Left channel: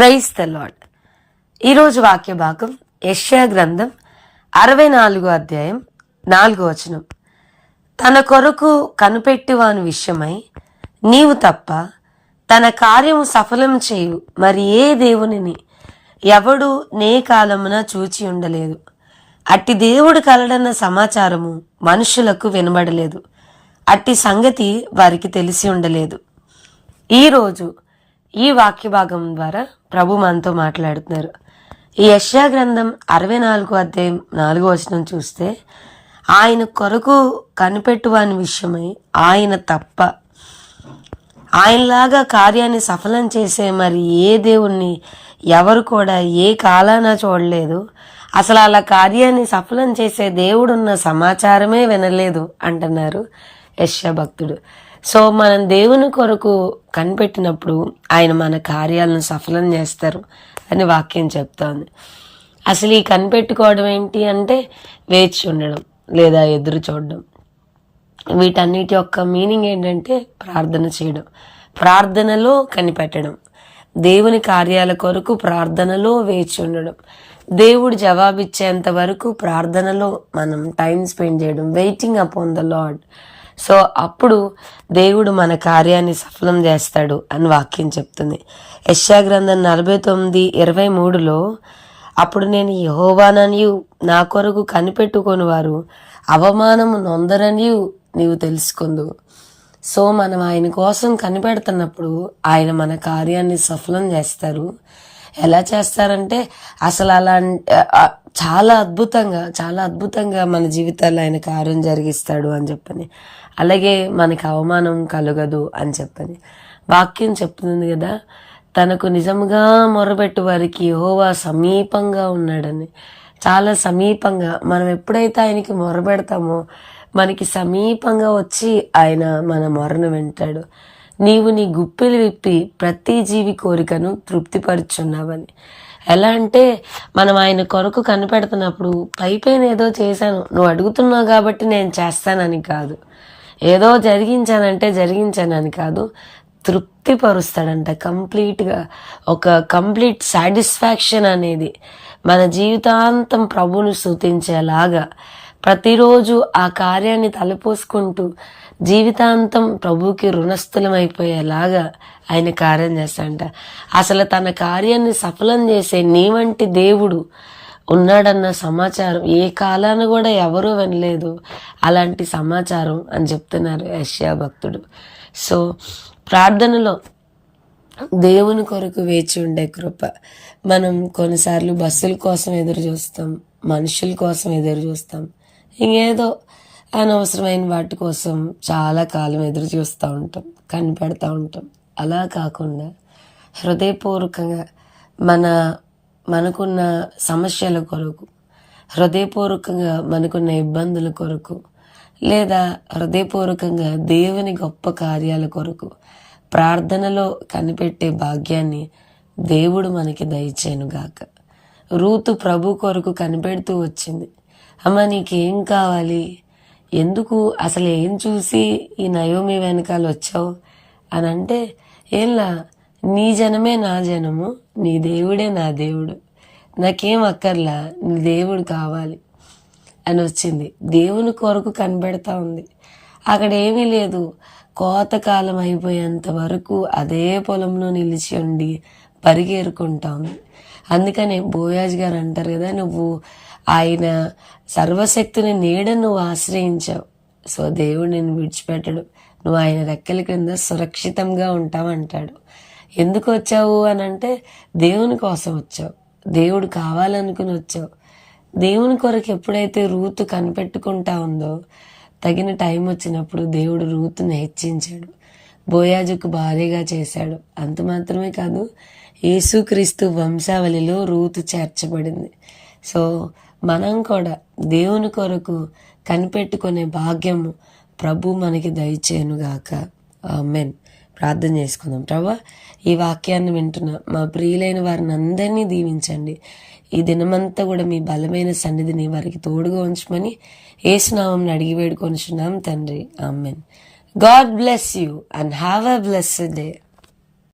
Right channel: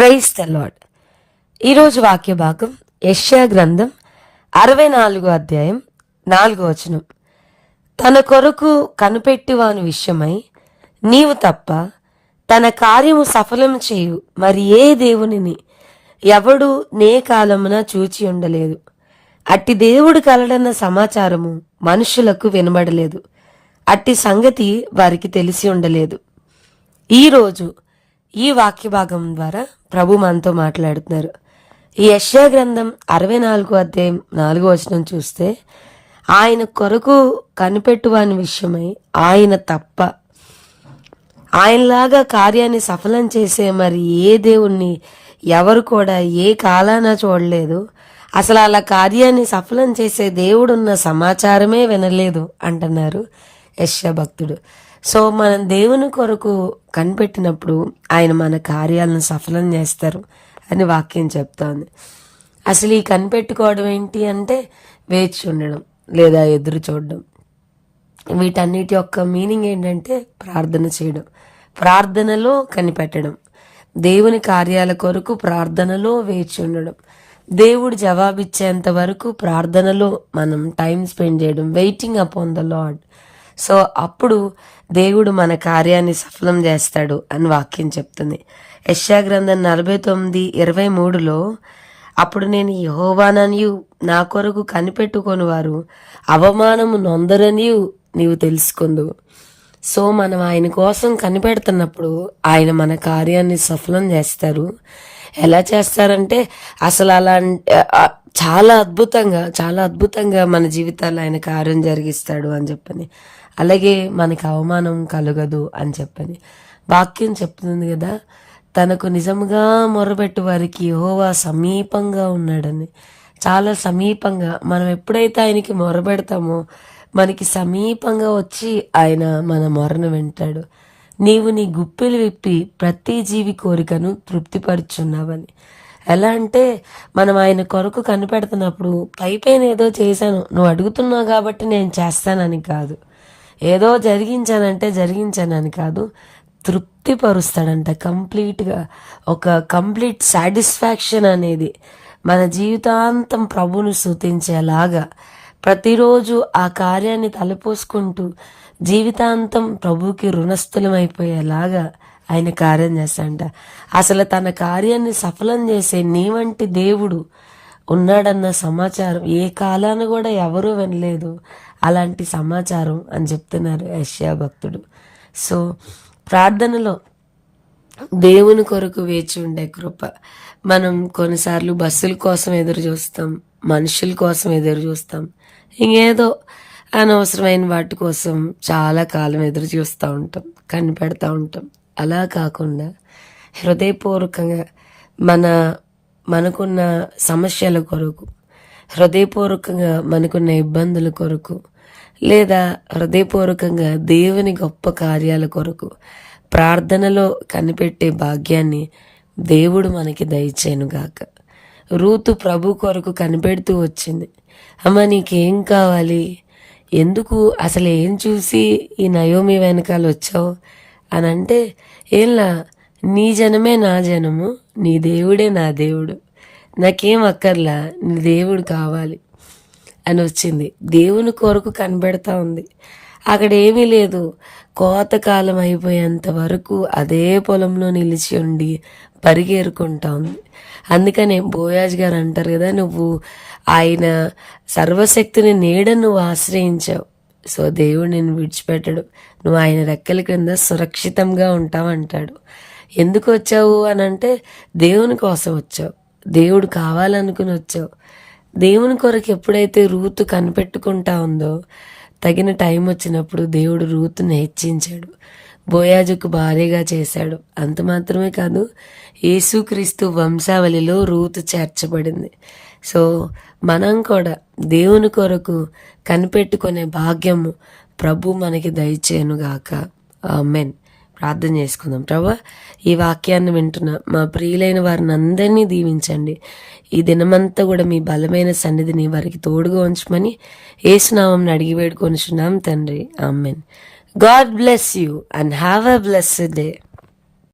Praise the lord ఈరోజు వాక్య భాగం యష్యా గ్రంథం అరవై నాలుగో అధ్యాయం నాలుగో వచనం. తన కొరకు కనిపెట్టివాని విషయమై నీవు తప్ప తన కార్యము సఫలం చేయు మరి ఏ దేవునిని ఎవడు నే కాలమున చూచి ఉండలేదు. అట్టి దేవుడు కలడన్న సమాచారము మనుషులకు వినబడలేదు. అట్టి సంగతి వారికి తెలిసి ఉండలేదు. ఈరోజు ఈ వాక్య భాగం ద్వారా ప్రభు మనతో మాట్లాడుతున్నారు. ఈ యశ్యా గ్రంథం అరవై నాలుగు అధ్యాయం నాలుగో వచనం చూస్తే ఆయన కొరకు కనిపెట్టువాని విషయమై ఆయన తప్ప ఆయనలాగా కార్యాన్ని సఫలం చేసే మరి ఏ దేవుణ్ణి ఎవరు కూడా ఏ కాలాన చూడలేదు. అసలు అలా కార్యాన్ని సఫలం చేసే దేవుడున్న సమాచారమే వినలేదు అంటున్నారు యశ్యా భక్తుడు. సో మనం దేవుని కొరకు కనిపెట్టినప్పుడు ఆయన మన కార్యాలను సఫలం చేస్తారు అని వాక్యం చెప్తోంది. అసలు ఈ కనిపెట్టుకోవడం ఏంటి అంటే వేచి ఉండడం లేదా ఎదురు చూడడం. వీటన్నిటి యొక్క మీనింగ్ ఏంటంటే ప్రార్థన చేయడం. ప్రార్థనలో కనిపెట్టడం. దేవుని కార్యాల కొరకు ప్రార్థనలో వేచి ఉండడం. దేవుడు జవాబిచ్చేంత వరకు ప్రార్థనలో మనం టైం స్పెండ్ చేయడం. Waiting upon the Lord so అప్పుడు దేవుడు మన కార్యాన్ని సఫలం చేస్తాడు అని వాక్యం చెప్తుంది. యశా గ్రంథం నలభై తొమ్మిది ఇరవై మూడులో అప్పుడు నేను యహోవాననియు నా కొరకు కనిపెట్టుకొని వారు అవమానము నొందరనియు నీవు తెలుసుకుందు సో మనం ఆయన కోసం కనిపెడుతున్నప్పుడు ఆయన మన కార్యాన్ని సఫలం చేస్తారు. ఎలా చేస్తారంటే అసలు అలా చాలా అద్భుతంగా చాలా అద్భుతంగా మన జీవితాల్లో ఆయన కార్యం జరిగిస్తాడు అని చెప్పని. అలాగే మనకి అవమానం కలగదు అని చెప్పని. వాక్యం చెప్తుంది కదా తనకు నిజంగా మొరబెట్టు వారికి యహోవా సమీపంగా ఉన్నాడని. చాలా సమీపంగా మనం ఎప్పుడైతే ఆయనకి మొరబెడతామో మనకి సమీపంగా వచ్చి ఆయన మన మొరను వింటాడు. నీవు నీ గుప్పిలు విప్పి ప్రతి జీవి కోరికను తృప్తిపరుచున్నావని. ఎలా అంటే మనం ఆయన కొరకు కనిపెడుతున్నప్పుడు పై పైన ఏదో చేశాను. నువ్వు అడుగుతున్నావు కాబట్టి నేను చేస్తానని కాదు. ఏదో జరిగించానంటే జరిగించానని కాదు. తృప్తిపరుస్తాడంట. కంప్లీట్గా ఒక కంప్లీట్ సాటిస్ఫాక్షన్ అనేది మన జీవితాంతం ప్రభుని సూచించేలాగా ప్రతిరోజు ఆ కార్యాన్ని తలపోసుకుంటూ జీవితాంతం ప్రభుకి రుణస్థులమైపోయేలాగా ఆయన కార్యం చేస్తాడంట. అసలు తన కార్యాన్ని సఫలం చేసే నీ వంటి దేవుడు ఉన్నాడన్న సమాచారం ఏ కాలాన్ని కూడా ఎవరూ వినలేదు. అలాంటి సమాచారం అని చెప్తున్నారు యష్యా భక్తుడు. సో ప్రార్థనలో దేవుని కొరకు వేచి ఉండే కృప. మనం కొన్నిసార్లు బస్సుల కోసం ఎదురు చూస్తాం మనుషుల కోసం ఎదురు చూస్తాం. ఇంకేదో అనవసరమైన వాటి కోసం చాలా కాలం ఎదురు చూస్తూ ఉంటాం కనిపెడతా ఉంటాం. అలా కాకుండా హృదయపూర్వకంగా మన మనకున్న సమస్యల కొరకు హృదయపూర్వకంగా మనకున్న ఇబ్బందుల కొరకు లేదా హృదయపూర్వకంగా దేవుని గొప్ప కార్యాల కొరకు ప్రార్థనలో కనిపెట్టే భాగ్యాన్ని దేవుడు మనకి దయచేనుగాక రూతు ప్రభు కొరకు కనిపెడుతూ వచ్చింది. అమ్మ నీకేం కావాలి? ఎందుకు అసలు ఏం చూసి ఈ నయోమి వెనకాల వచ్చావు? అని అంటే ఏంలా? నీ జనమే నా జనము నీ దేవుడే నా దేవుడు. నాకేం అక్కర్లా? నీ దేవుడు కావాలి అని వచ్చింది. దేవుని కొరకు కనబెడతా ఉంది. అక్కడ ఏమీ లేదు. కోతకాలం అయిపోయేంత వరకు అదే పొలంలో నిలిచి ఉండి పరిగెరుకుంటా ఉంది. అందుకనే బోయాజ్ గారు అంటారు కదా నువ్వు ఆయన సర్వశక్తిని నీడ నువ్వు ఆశ్రయించావు. సో దేవుడు నేను విడిచిపెట్టడు. నువ్వు ఆయన రెక్కల కింద సురక్షితంగా ఉంటావంటాడు. ఎందుకు వచ్చావు అని అంటే దేవుని కోసం వచ్చావు. దేవుడు కావాలనుకుని వచ్చావు. దేవుని కొరకు ఎప్పుడైతే రూతు కనిపెట్టుకుంటా ఉందో తగిన టైం వచ్చినప్పుడు దేవుడు రూతుని హెచ్చించాడు. బోయాజుకు భారీగా చేశాడు. అంత మాత్రమే కాదు యేసుక్రీస్తు వంశావళిలో రూతు చేర్చబడింది. సో మనం కూడా దేవుని కొరకు కనిపెట్టుకునే భాగ్యము ప్రభు మనకి దయచేయనుగాక. ఆమెన్. ప్రార్థన చేసుకుందాం. ప్రభా ఈ వాక్యాన్ని వింటున్న మా ప్రియులైన వారిని అందరినీ దీవించండి. ఈ దినమంతా కూడా మీ బలమైన సన్నిధిని వారికి తోడుగా ఉంచమని ఏసునామం అడిగి వేడుకొనిచున్నాం తండ్రి. Amen. God bless you and have a blessed day.